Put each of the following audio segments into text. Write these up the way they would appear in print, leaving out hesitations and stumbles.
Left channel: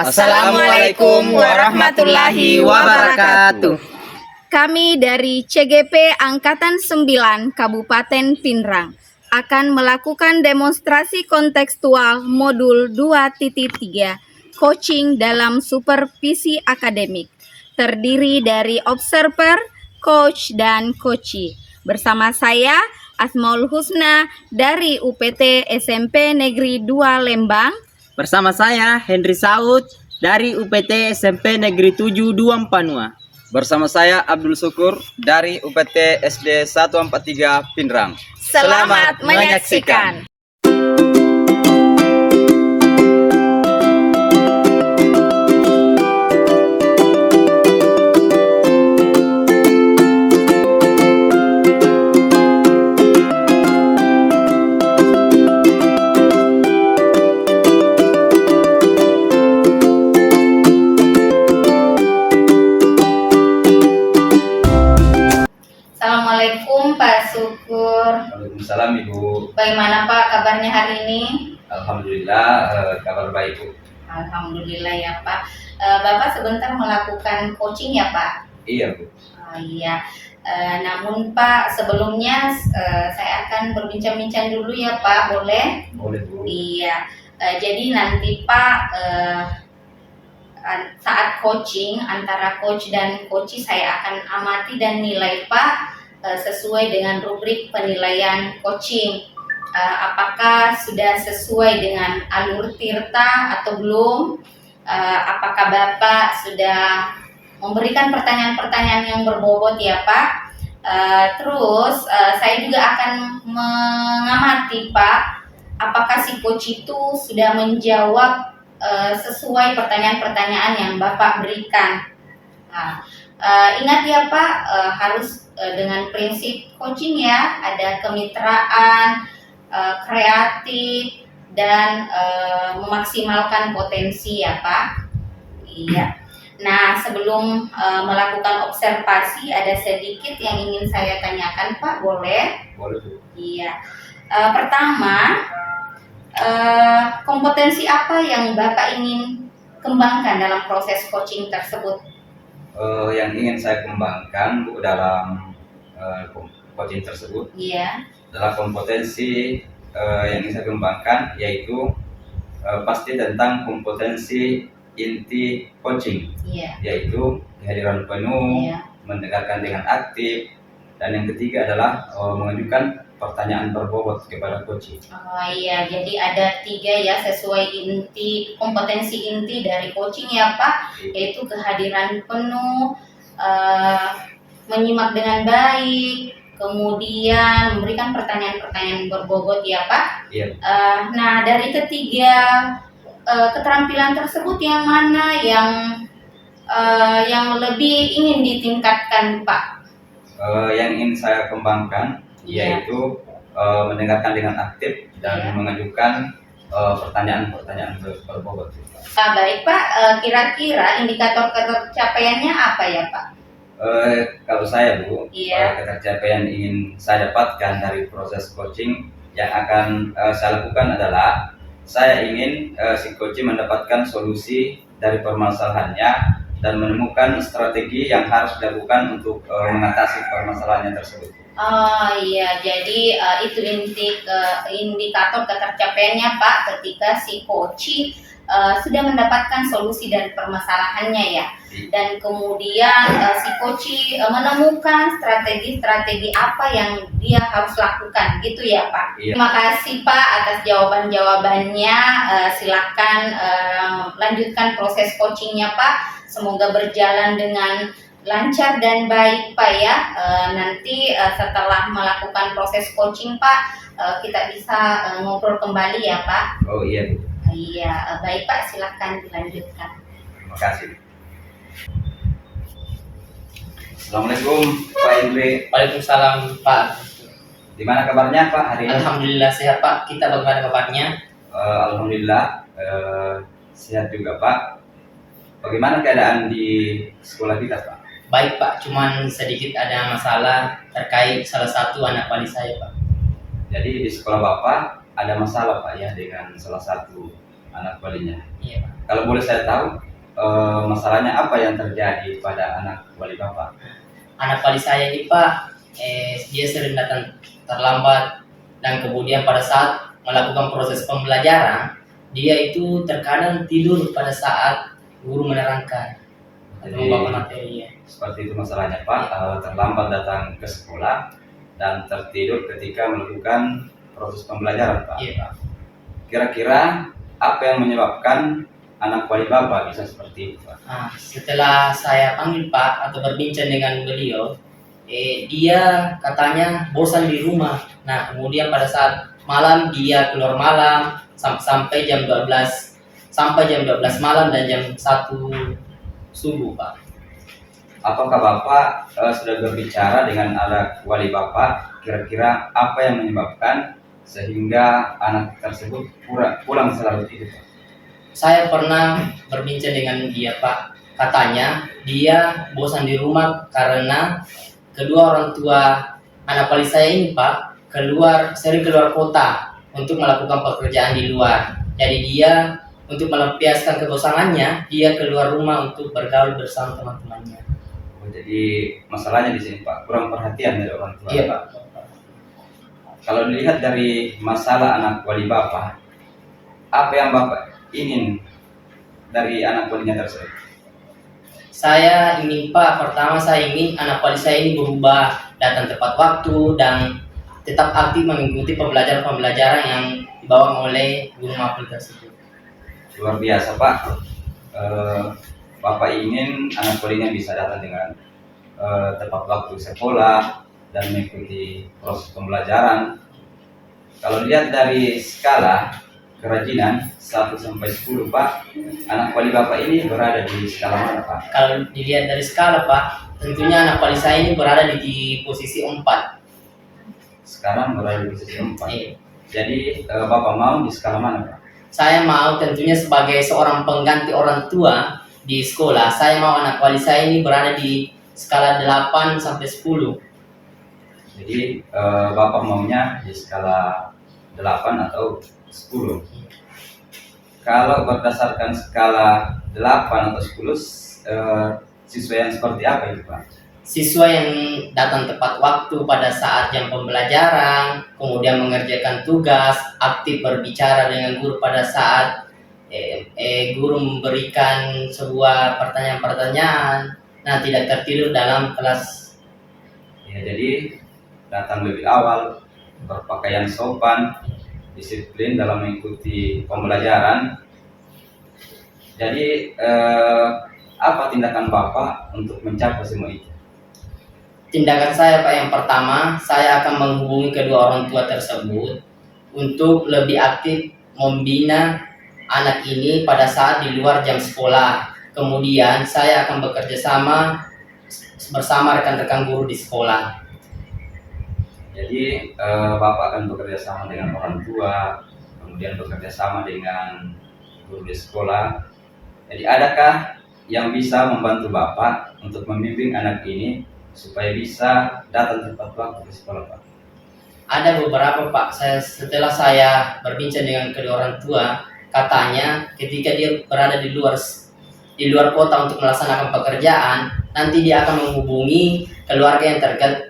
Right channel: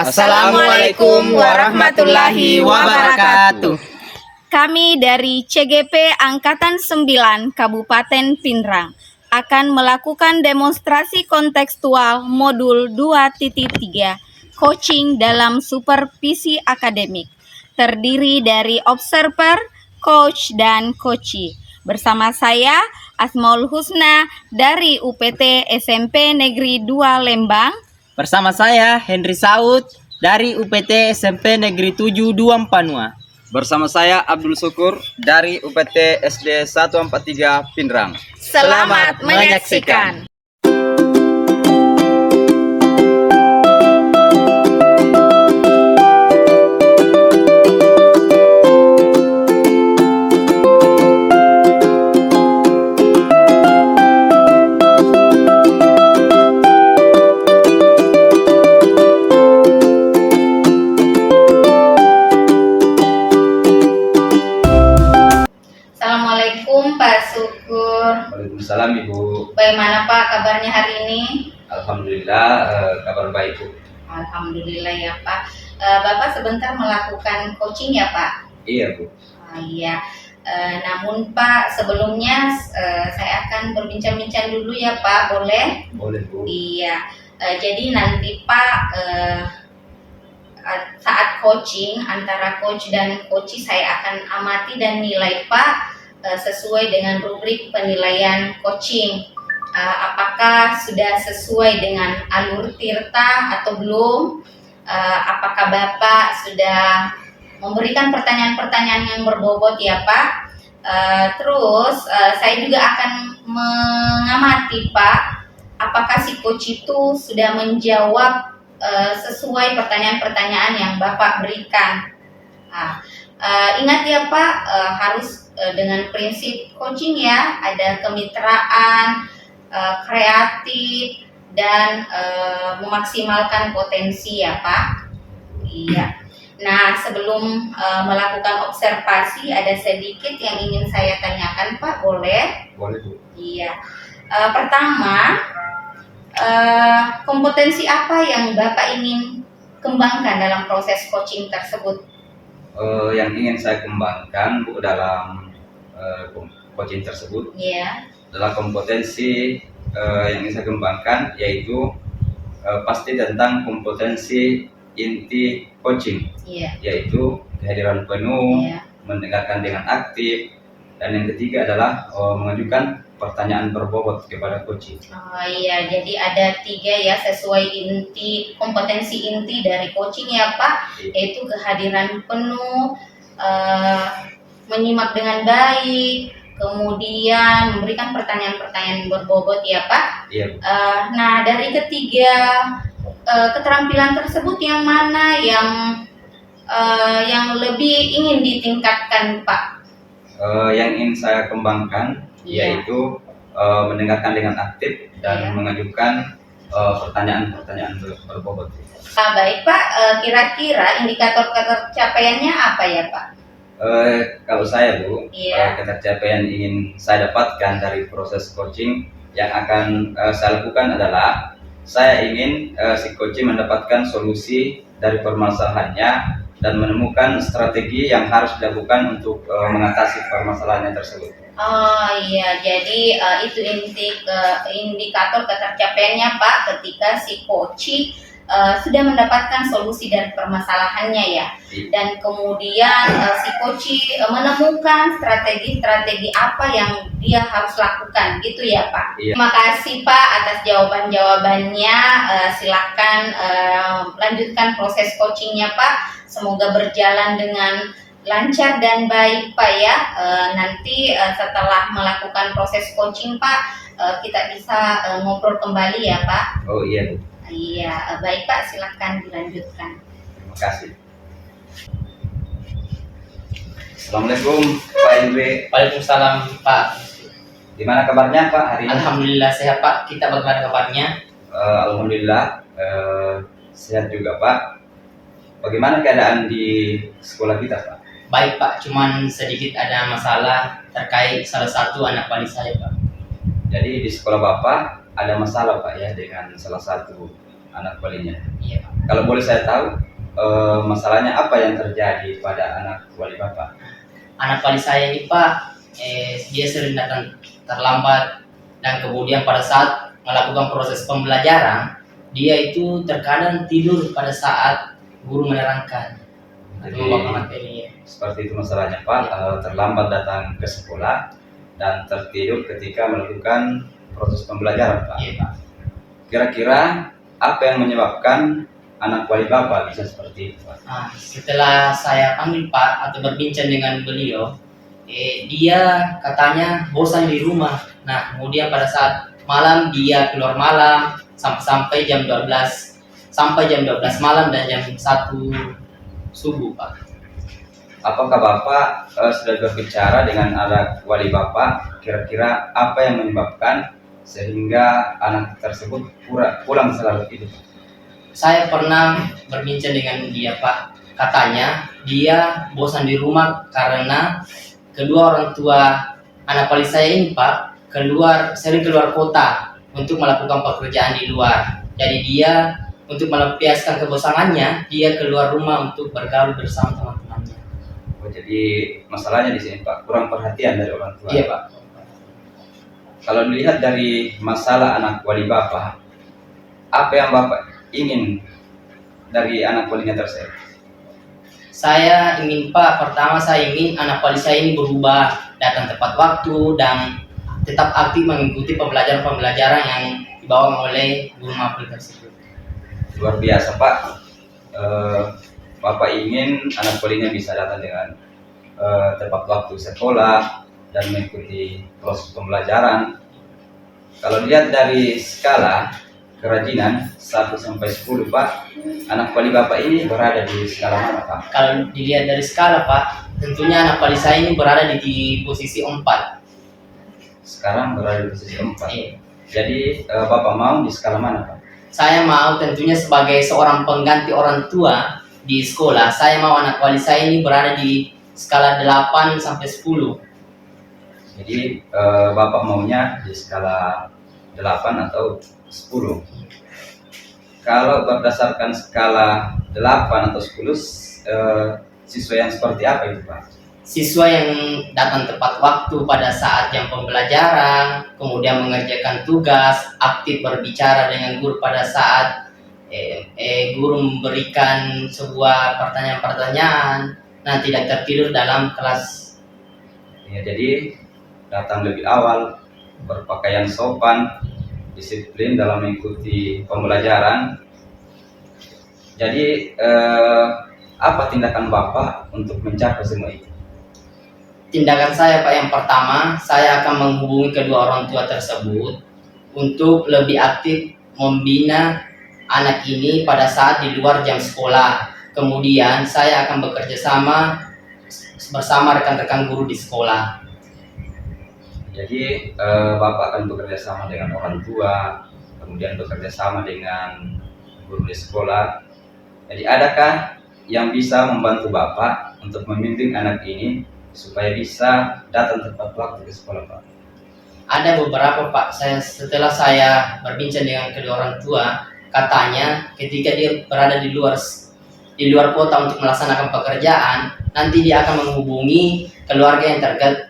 Assalamualaikum warahmatullahi wabarakatuh. Kami dari CGP Angkatan 9 Kabupaten Pindrang akan melakukan demonstrasi kontekstual modul 2.3 coaching dalam supervisi akademik. Terdiri dari observer, coach, dan coachee. Bersama saya Asmaul Husna dari UPT SMP Negeri 2 Lembang. Bersama saya Henry Saud dari UPT SMP Negeri 7 2 Panua. Bersama saya Abdul Syukur dari UPT SD 143 Pindrang. Selamat menyaksikan. Assalamualaikum Pak Syukur. Waalaikumsalam Ibu. Bagaimana Pak kabarnya hari ini? Alhamdulillah kabar baik Bu. Alhamdulillah ya Pak. Bapak sebentar melakukan coaching ya Pak? Iya Bu. Iya. Namun Pak sebelumnya saya akan berbincang-bincang dulu ya Pak, boleh? Boleh Bu. Iya. Jadi nanti Pak saat coaching antara coach dan coachee saya akan amati dan nilai Pak sesuai dengan rubrik penilaian coaching. Apakah sudah sesuai dengan alur tirta atau belum? Apakah Bapak sudah memberikan pertanyaan-pertanyaan yang berbobot ya Pak? Terus saya juga akan mengamati Pak, apakah si coach itu sudah menjawab sesuai pertanyaan-pertanyaan yang Bapak berikan. Ingat ya Pak, harus dengan prinsip coaching ya, ada kemitraan, kreatif, dan memaksimalkan potensi ya Pak. Iya. Nah sebelum melakukan observasi ada sedikit yang ingin saya tanyakan Pak, boleh? Boleh Bu. Iya. Pertama, kompetensi apa yang Bapak ingin kembangkan dalam proses coaching tersebut? Yang ingin saya kembangkan Bu dalam coaching tersebut adalah kompetensi yang ingin saya kembangkan, yaitu pasti tentang kompetensi inti coaching, yaitu kehadiran penuh, mendengarkan dengan aktif, dan yang ketiga adalah mengajukan pertanyaan berbobot kepada coaching. Oh iya, jadi ada 3 ya sesuai inti, kompetensi inti dari coaching ya Pak, yaitu kehadiran penuh, menyimak dengan baik, kemudian memberikan pertanyaan-pertanyaan berbobot ya Pak. Iya. Nah dari ketiga keterampilan tersebut yang mana yang lebih ingin ditingkatkan Pak? Yang ingin saya kembangkan yaitu mendengarkan dengan aktif dan mengajukan pertanyaan-pertanyaan berbobot. Baik Pak, kira-kira indikator ketercapaiannya apa ya Pak? Kalau saya Bu, ketercapaian ingin saya dapatkan dari proses coaching yang akan saya lakukan adalah saya ingin si coaching mendapatkan solusi dari permasalahannya dan menemukan strategi yang harus dilakukan untuk mengatasi permasalahannya tersebut. Oh iya, jadi itu indikator ketercapaiannya Pak ketika si coachee sudah mendapatkan solusi dari permasalahannya ya. Dan kemudian si coachee menemukan strategi-strategi apa yang dia harus lakukan gitu ya Pak. Terima kasih Pak atas jawaban-jawabannya. Silakan lanjutkan proses coachingnya Pak. Semoga berjalan dengan lancar dan baik Pak ya. Nanti setelah melakukan proses coaching Pak, kita bisa ngobrol kembali ya Pak. Oh iya Bu. Iya, baik Pak, silakan dilanjutkan. Terima kasih. Assalamualaikum Pak Indri. Waalaikumsalam Pak. Gimana kabarnya Pak hari ini? Alhamdulillah sehat Pak. Kita bagaimana kabarnya? Alhamdulillah sehat juga Pak. Bagaimana keadaan di sekolah kita Pak? Baik Pak, cuman sedikit ada masalah terkait salah satu anak wali saya Pak. Jadi di sekolah Bapak ada masalah Pak ya dengan salah satu anak walinya. Iya Pak. Kalau boleh saya tahu, masalahnya apa yang terjadi pada anak wali Bapak? Anak wali saya ini Pak, dia sering datang terlambat, dan kemudian pada saat melakukan proses pembelajaran, dia itu terkadang tidur pada saat guru menerangkan atau Jadi, membawakan materi ya. seperti itu masalahnya Pak, terlambat datang ke sekolah dan tertidur ketika melakukan proses pembelajaran Pak. Iya Pak. Kira-kira apa yang menyebabkan anak wali Bapak bisa seperti itu Pak? Setelah saya panggil Pak atau berbincang dengan beliau, dia katanya bosan di rumah. Nah, kemudian pada saat malam dia keluar malam sampai jam 12 malam dan jam 1 subuh Pak. Apakah Bapak sudah berbicara dengan anak wali Bapak, kira-kira apa yang menyebabkan sehingga anak tersebut pulang selarut itu Pak? Saya pernah berbincang dengan dia Pak. Katanya dia bosan di rumah karena kedua orang tua anak wali saya ini Pak sering keluar kota untuk melakukan pekerjaan di luar. Jadi dia untuk melampiaskan kebosangannya, dia keluar rumah untuk bergaul bersama teman-temannya. Oh, jadi masalahnya di sini Pak, kurang perhatian dari orang tua. Iya Pak. Kalau dilihat dari masalah anak wali Bapak, apa yang Bapak ingin dari anak walinya tersebut? Saya ingin Pak, pertama saya ingin anak wali saya ini berubah, datang tepat waktu dan tetap aktif mengikuti pembelajaran yang dibawa oleh guru mapel tersebut. Luar biasa Pak. Bapak ingin anak walinya bisa datang dengan tepat waktu sekolah dan mengikuti proses pembelajaran. Kalau dilihat dari skala kerajinan 1 sampai 10 Pak, anak wali Bapak ini berada di skala mana Pak? Kalau dilihat dari skala Pak, tentunya anak wali saya ini berada di posisi 4. Sekarang berada di posisi 4. Iya. Jadi Bapak mau di skala mana Pak? Saya mau tentunya sebagai seorang pengganti orang tua di sekolah, saya mau anak wali saya ini berada di skala 8 sampai 10. Jadi Bapak maunya di skala 8 atau 10. Kalau berdasarkan skala 8 atau 10, siswa yang seperti apa itu Pak? Siswa yang datang tepat waktu pada saat jam pembelajaran, kemudian mengerjakan tugas, aktif berbicara dengan guru pada saat guru memberikan sebuah pertanyaan-pertanyaan, nah tidak tertidur dalam kelas. Ya, jadi datang lebih awal, berpakaian sopan, disiplin dalam mengikuti pembelajaran. Jadi apa tindakan Bapak untuk mencapai semua itu? Tindakan saya Pak, yang pertama saya akan menghubungi kedua orang tua tersebut untuk lebih aktif membina anak ini pada saat di luar jam sekolah. Kemudian saya akan bekerja sama bersama rekan-rekan guru di sekolah. Jadi Bapak akan bekerja sama dengan orang tua, kemudian bekerja sama dengan guru di sekolah. Jadi adakah yang bisa membantu Bapak untuk membimbing anak ini supaya bisa datang tepat waktu ke sekolah Pak? Ada beberapa Pak, setelah saya berbincang dengan kedua orang tua, katanya ketika dia berada di luar kota untuk melaksanakan pekerjaan, nanti dia akan menghubungi keluarga yang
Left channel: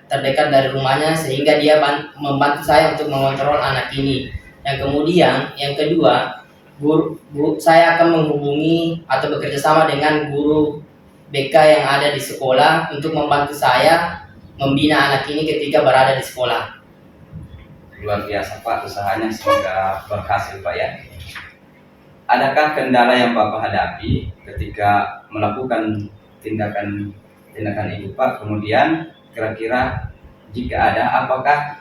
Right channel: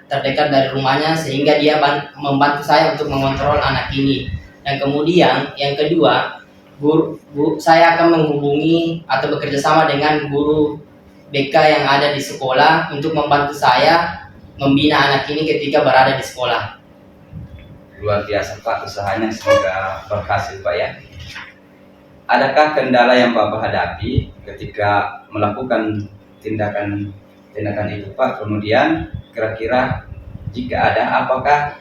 terdekat dari rumahnya sehingga dia membantu saya untuk mengontrol anak ini. Dan kemudian yang kedua, saya akan menghubungi atau bekerja sama dengan guru BK yang ada di sekolah untuk membantu saya membina anak ini ketika berada di sekolah. Luar biasa Pak, usahanya semoga berhasil Pak ya. Adakah kendala yang Bapak hadapi ketika melakukan tindakan itu Pak? Kemudian kira-kira jika ada, apakah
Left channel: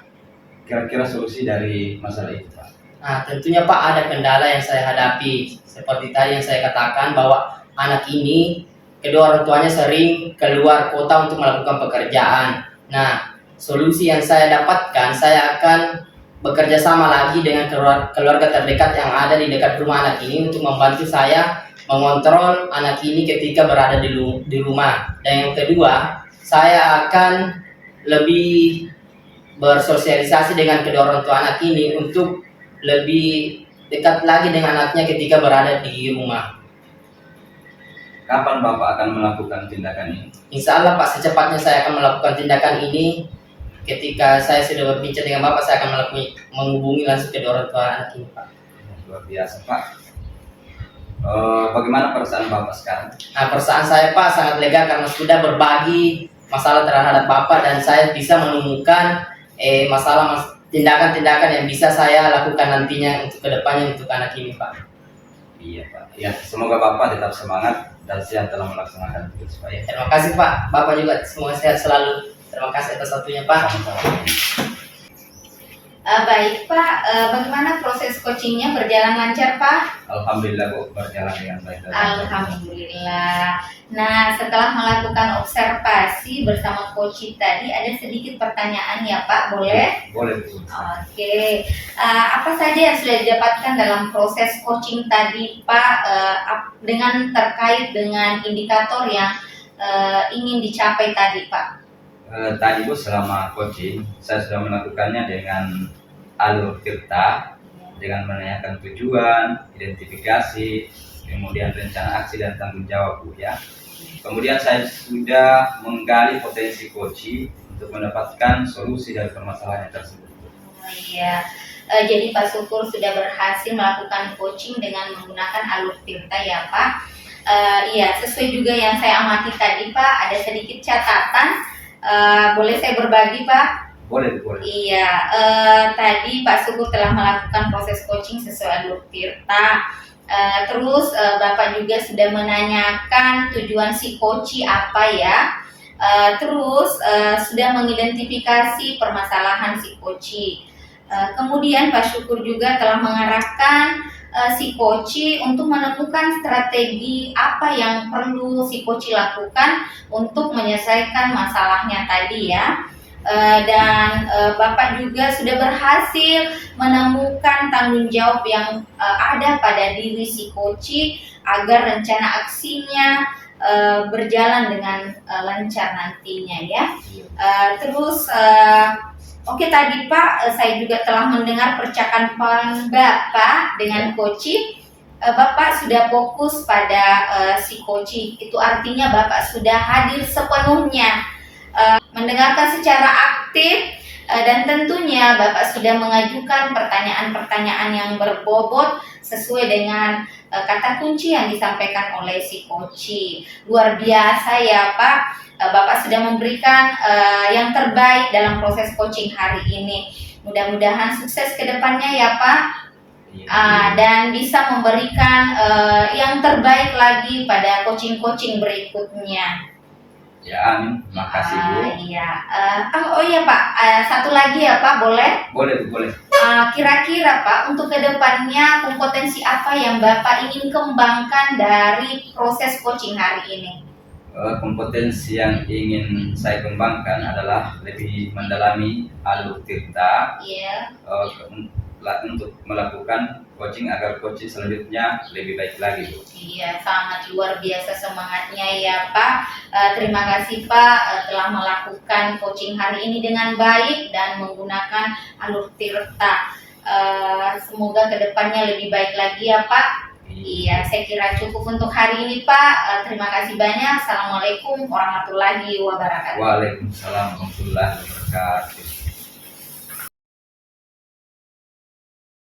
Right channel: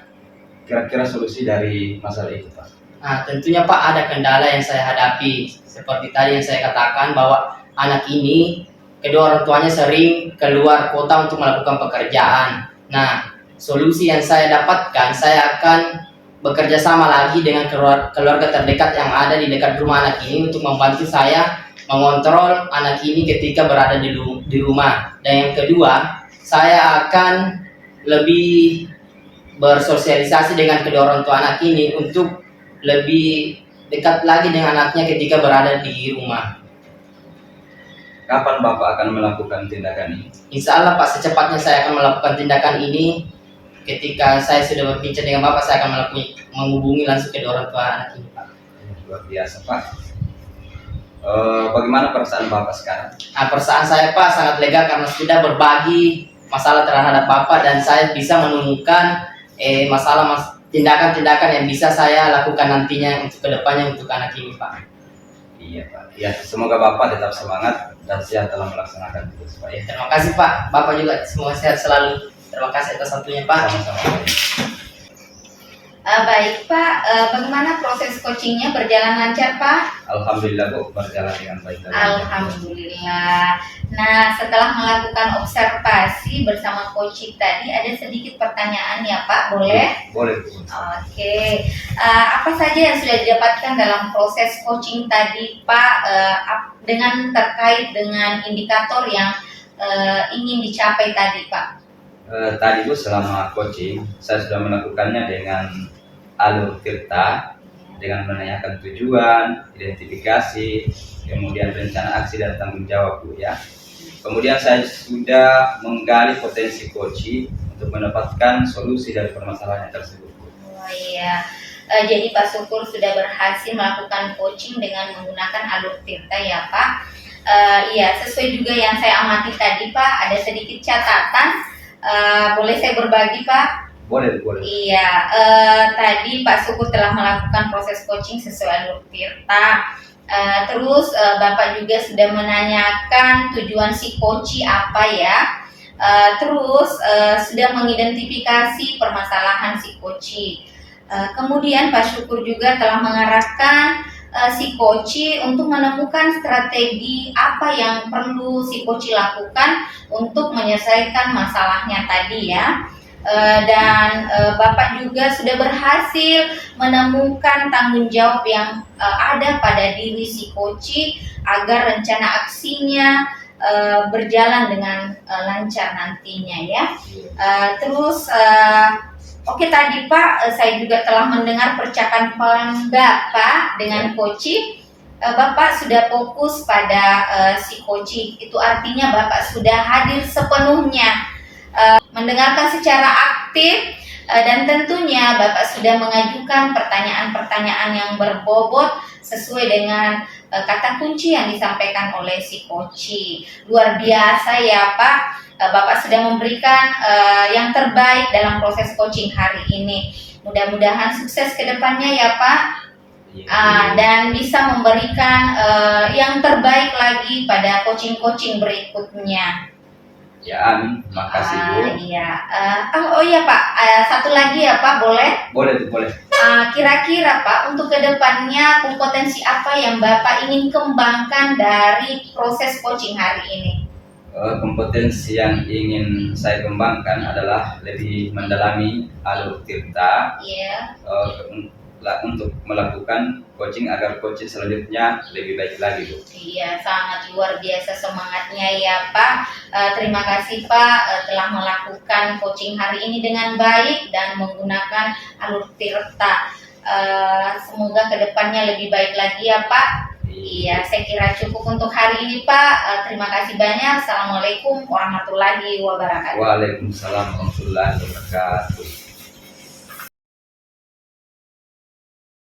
kira-kira solusi dari masalah itu Pak? Nah, tentunya Pak ada kendala yang saya hadapi. Seperti tadi yang saya katakan bahwa anak ini kedua orang tuanya sering keluar kota untuk melakukan pekerjaan. Nah, solusi yang saya dapatkan, saya akan bekerja sama lagi dengan keluarga terdekat yang ada di dekat rumah anak ini untuk membantu saya mengontrol anak ini ketika berada di rumah. Dan yang kedua, saya akan lebih bersosialisasi dengan kedua orang tua anak ini untuk lebih dekat lagi dengan anaknya ketika berada di rumah. Kapan Bapak akan melakukan tindakan ini? Insya Allah Pak, secepatnya saya akan melakukan tindakan ini. Ketika saya sudah berbincang dengan Bapak, saya akan menghubungi langsung ke orang tua anak ini Pak. Luar biasa Pak. Bagaimana perasaan Bapak sekarang? Nah, perasaan saya Pak sangat lega karena sudah berbagi masalah terhadap Bapak dan saya bisa menemukan tindakan-tindakan yang bisa saya lakukan nantinya untuk kedepannya untuk anak ini Pak. Iya Pak. Ya, semoga Bapak tetap semangat dan sehat dalam melaksanakan tugas Pak ya. Terima kasih Pak. Bapak juga semoga sehat selalu. Terima kasih atas waktunya Pak. Sama-sama. Baik Pak, bagaimana proses coachingnya, berjalan lancar Pak? Alhamdulillah Bu, berjalan dengan baik. Alhamdulillah. Nah, setelah melakukan observasi bersama coach tadi, ada sedikit pertanyaan ya Pak, boleh? Boleh Bu. Oke, apa saja yang sudah didapatkan dalam proses coaching tadi Pak, dengan terkait dengan indikator yang ingin dicapai tadi Pak? Tadi Bu, selama coaching saya sudah melakukannya dengan alur tirta, dengan menanyakan tujuan, identifikasi, kemudian rencana aksi dan tanggung jawab Bu ya. Kemudian saya sudah menggali potensi coaching untuk mendapatkan solusi dari permasalahan tersebut Bu. Oh iya, jadi Pak Syukur sudah berhasil melakukan coaching dengan menggunakan alur tirta ya Pak. Iya, sesuai juga yang saya amati tadi Pak, ada sedikit catatan. Boleh saya berbagi Pak? Boleh. Iya, tadi Pak Syukur telah melakukan proses coaching sesuai alur tirta. Terus Bapak juga sudah menanyakan tujuan si coach apa ya. Terus sudah mengidentifikasi permasalahan si coach. Kemudian Pak Syukur juga telah mengarahkan si coach untuk menemukan strategi apa yang perlu si coach lakukan untuk menyelesaikan masalahnya tadi ya. Dan Bapak juga sudah berhasil menemukan tanggung jawab yang ada pada diri si coach agar rencana aksinya berjalan dengan lancar nantinya ya. Terus oke, tadi Pak, saya juga telah mendengar percakapan Bapak dengan coach. Bapak sudah fokus pada si coach, itu artinya Bapak sudah hadir sepenuhnya, mendengarkan secara aktif, dan tentunya Bapak sudah mengajukan pertanyaan-pertanyaan yang berbobot sesuai dengan kata kunci yang disampaikan oleh si coach. Luar biasa ya Pak, Bapak sudah memberikan yang terbaik dalam proses coaching hari ini. Mudah-mudahan sukses ke depannya ya Pak, dan bisa memberikan yang terbaik lagi pada coaching-coaching berikutnya. Ya, amin. Makasih Bu. Iya. Oh iya Pak, satu lagi ya Pak, boleh? Boleh. Kira-kira Pak, untuk kedepannya kompetensi apa yang Bapak ingin kembangkan dari proses coaching hari ini? Kompetensi yang ingin saya kembangkan adalah lebih mendalami alur tirta, untuk melakukan coaching agar coaching selanjutnya lebih baik lagi Bu. Iya, sangat luar biasa semangatnya ya Pak. Terima kasih Pak telah melakukan coaching hari ini dengan baik dan menggunakan alur tirta. Semoga kedepannya lebih baik lagi ya Pak. Iya, saya kira cukup untuk hari ini Pak. Terima kasih banyak. Assalamualaikum warahmatullahi wabarakatuh. Waalaikumsalam warahmatullahi wabarakatuh.